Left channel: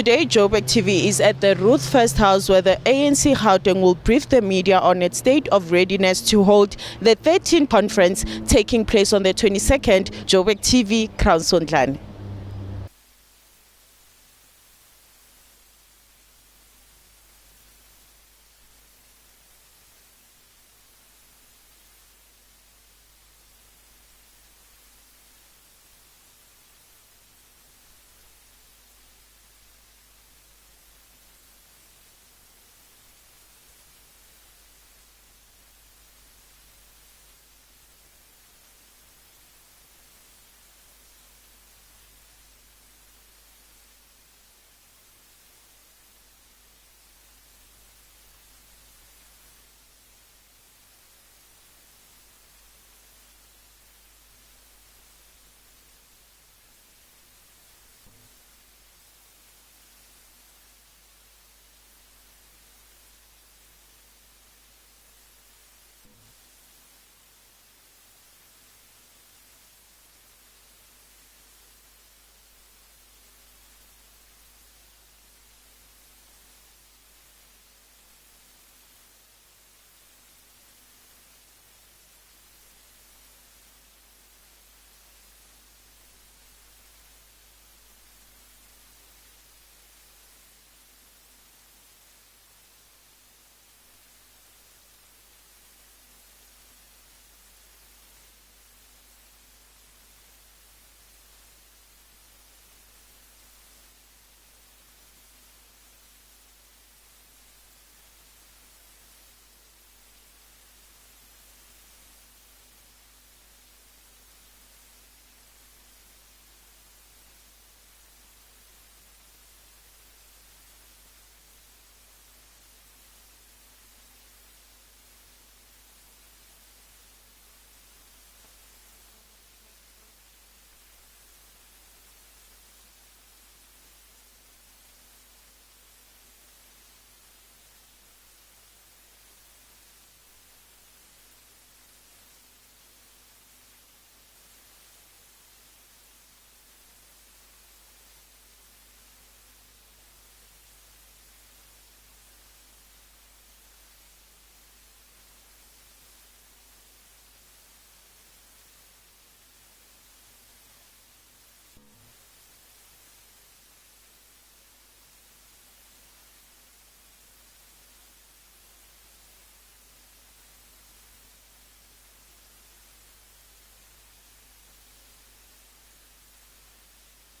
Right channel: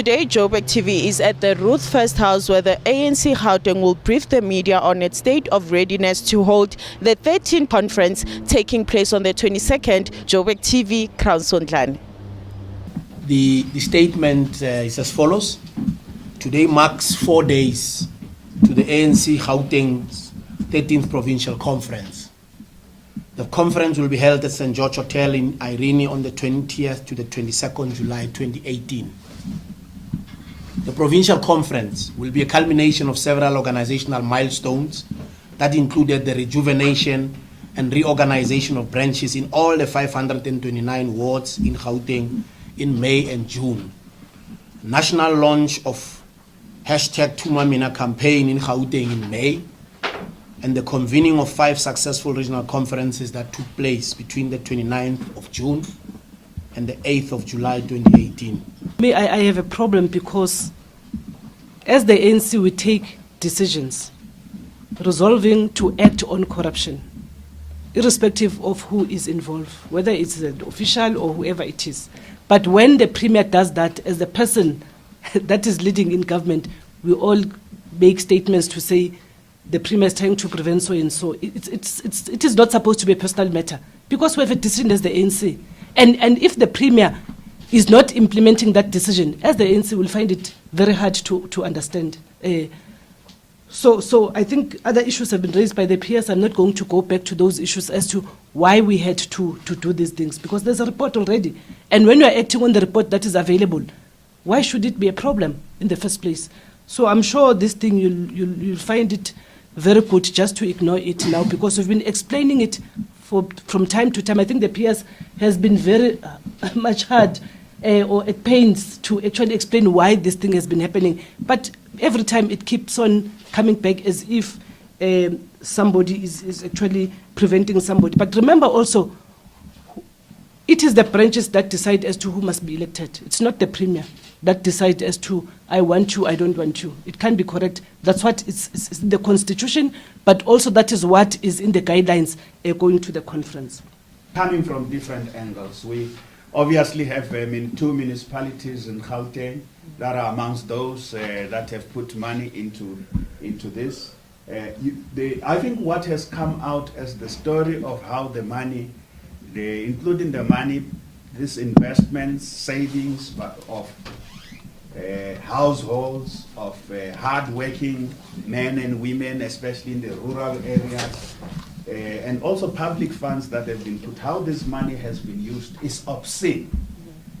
Today, Joburg TV is at the Ruth First House where the ANC Gauteng will brief the media on its state of readiness to hold the 13th conference taking place on the 22nd. Joburg TV, Crown Sondlane. The statement is as follows. Today marks 4 days to the ANC Gauteng's 13th Provincial Conference. The conference will be held at St. George Hotel in Irene on the 20th to the 22nd July 2018. The Provincial Conference will be a culmination of several organizational milestones that included the rejuvenation and reorganization of branches in all the 529 wards in Gauteng in May and June. National launch of #Tumamina campaign in Gauteng in May, and the convening of 5 successful regional conferences that took place between the 29th of June and the 8th of July 2018. I have a problem because as the ANC we take decisions resolving to act on corruption, irrespective of who is involved, whether it's the official or whoever it is. But when the Premier does that as the person that is leading in government, we all make statements to say the Premier is trying to prevent so and so. It is not supposed to be a personal matter because we have a decision as the ANC. And if the Premier is not implementing that decision, as the ANC will find it very hard to understand. So I think other issues have been raised by the peers. I'm not going to go back to those issues as to why we had to do these things, because there's a report already. And when you're acting on the report that is available, why should it be a problem in the first place? So I'm sure this thing, you'll find it very good just to ignore it now, because we've been explaining it from time to time. I think the PS has been very much hard or at pains to actually explain why this thing has been happening. But every time it keeps on coming back as if somebody is actually preventing somebody. But remember also, it is the branches that decide as to who must be elected. It's not the Premier that decide as to, I want you, I don't want you. It can't be correct. That's what is in the Constitution, but also that is what is in the guidelines going to the conference. Coming from different angles, we obviously have 2 municipalities in Gauteng that are amongst those that have put money into this. I think what has come out as the story of how the money, including the money, this investments, savings of households, of hard-working men and women, especially in the rural areas, and also public funds that have been put, how this money has been used is obscene.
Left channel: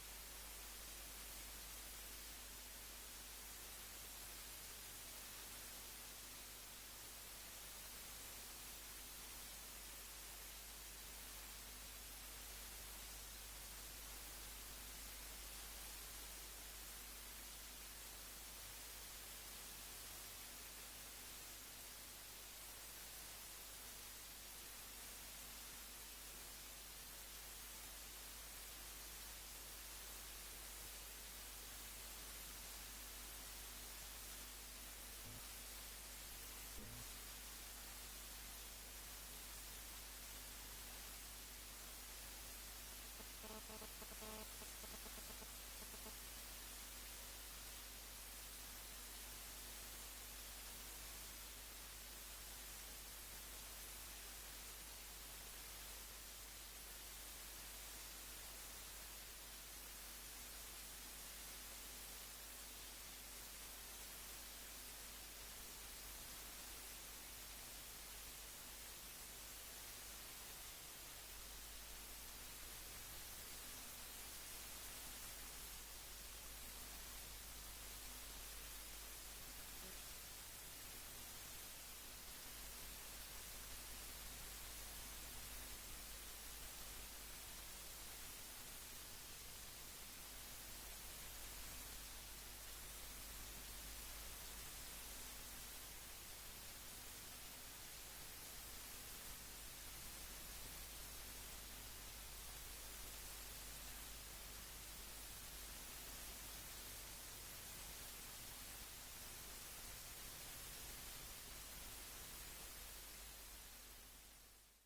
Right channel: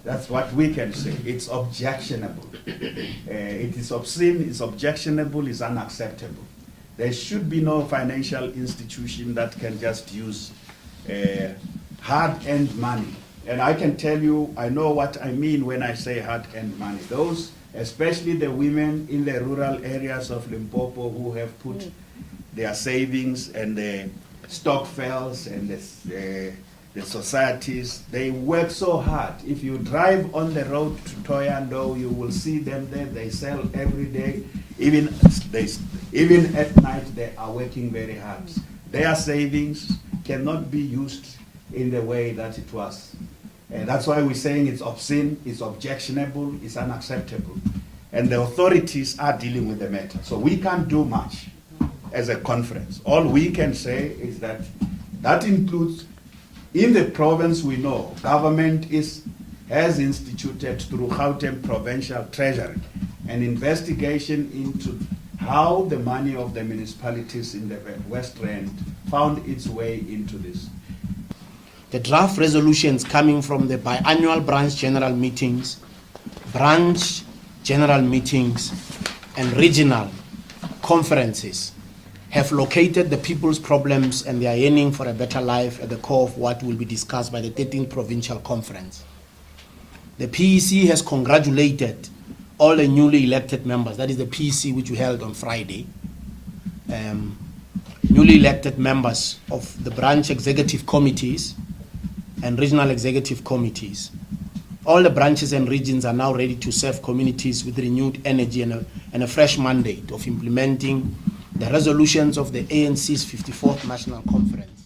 That's what we can say. It's objectionable. It is obscene, it's objectionable, it's unacceptable. There should be no financial institution that can just use hard-earned money. And I can tell you, I know what I mean when I say hard-earned money. Those, especially the women in the rural areas of Limpopo who have put their savings and the stokvels and the societies, they work so hard. If you drive on the road to Toyando, you will see them there. They sell every day. Even at night, they are working very hard. Their savings cannot be used in the way that it was. And that's why we're saying it's obscene, it's objectionable, it's unacceptable. And the authorities are dealing with the matter. So we can't do much as a conference. All we can say is that that includes, in the province we know, government has instituted through Gauteng Provincial Treasury an investigation into how the money of the municipalities in the West Rand found its way into this. The draft resolutions coming from the biannual branch general meetings, and regional conferences have located the people's problems and their yearning for a better life at the core of what will be discussed by the 13th Provincial Conference. The PEC has congratulated all the newly elected members, that is the PEC which we held on Friday, newly elected members of the branch executive committees and regional executive committees. All the branches and regions are now ready to serve communities with renewed energy and a fresh mandate of implementing the resolutions of the ANC's 54th National Conference.